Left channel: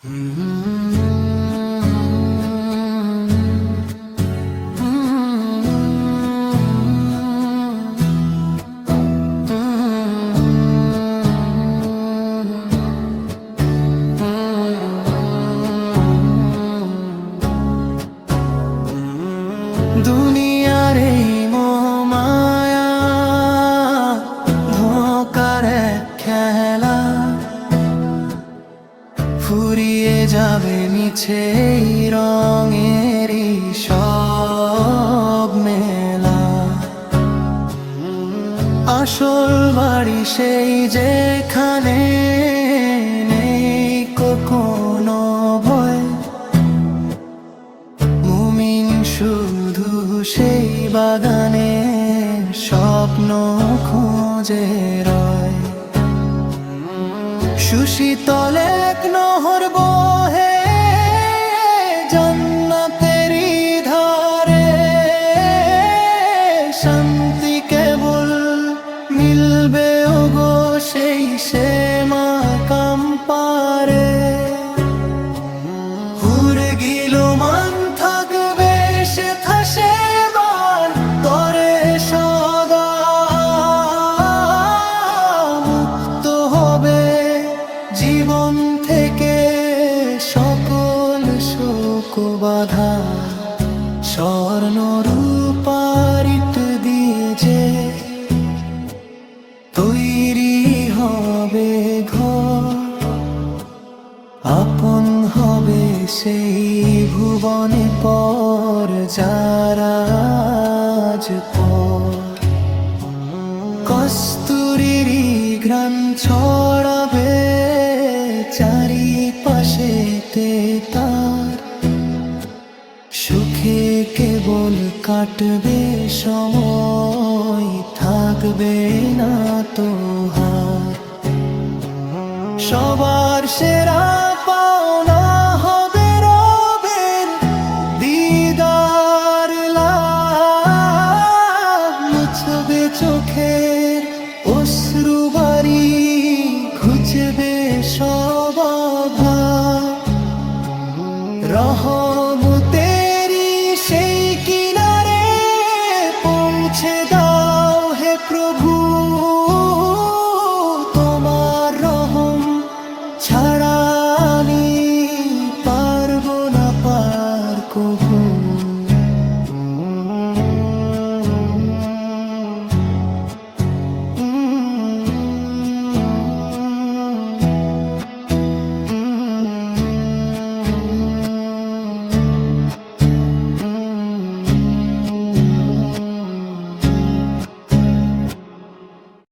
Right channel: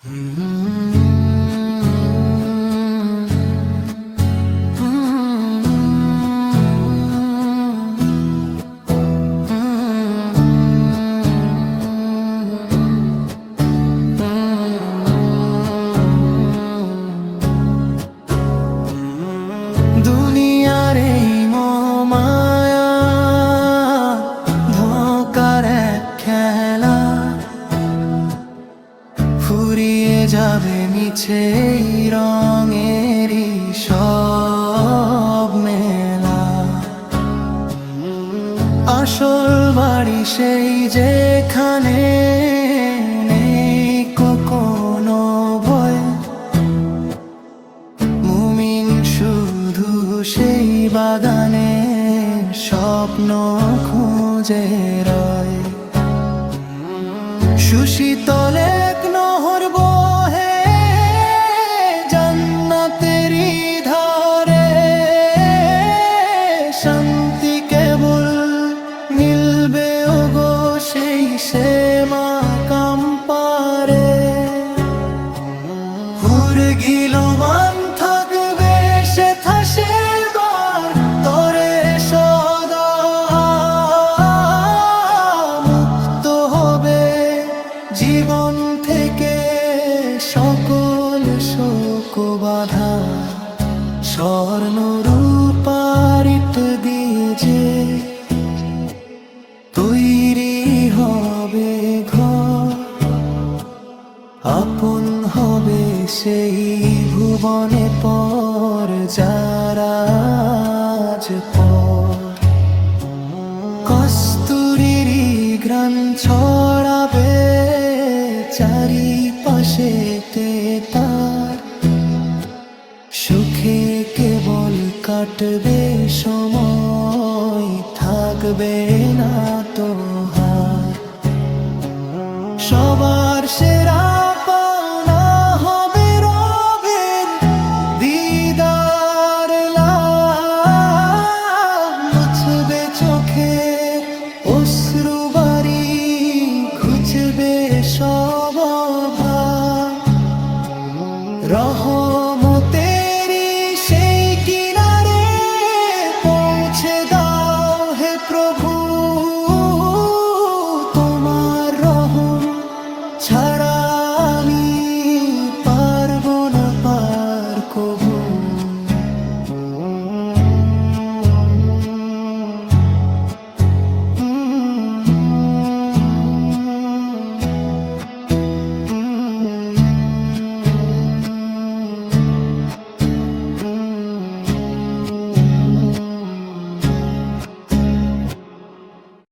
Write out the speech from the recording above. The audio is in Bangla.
দুনিয়ার এই মায়া ধোঁকার এক খেলা, ফুরিয়ে যাবে মিছে রঙেরই সব মেলা। আসল বাড়ি সেই যেখানে নেই কোনো ভয়, মুমিন শুধু সেই বাগানে স্বপ্ন খুঁজে রয়। সুশীতল এক নহর বহে জান্নাতেরই ধারে, শান্তি কেবল মিলবে ওগো সেই সে মাকাম পারে। হুরে গিলো মান থাকবে সেথা সেবার তরে সদা, মুক্ত হবে জীবন থেকে সকল শোক বাধা। স্বর্ণ রূপার ইট দিয়ে যে তৈরি হবে ঘর, আপন হবে সেই ভুবনে পর যারা আজ পর। কস্তুরীরই ঘ্রাণ ছড়াবে চারিপাশেতে তার, সুখে কেবল কাটবে সময়, থাকবে না তো হার। সবার সেরা পাওনা হবে রবের দিদার লাভ, মুছবে চোখের অশ্রুবারি, ঘুচবে সব অভাব। রহমতেরি সেই কিনারে পৌঁছে দাও হে প্রভু, তোমার রহম ছাড়া আমি পারবো না পার কভু।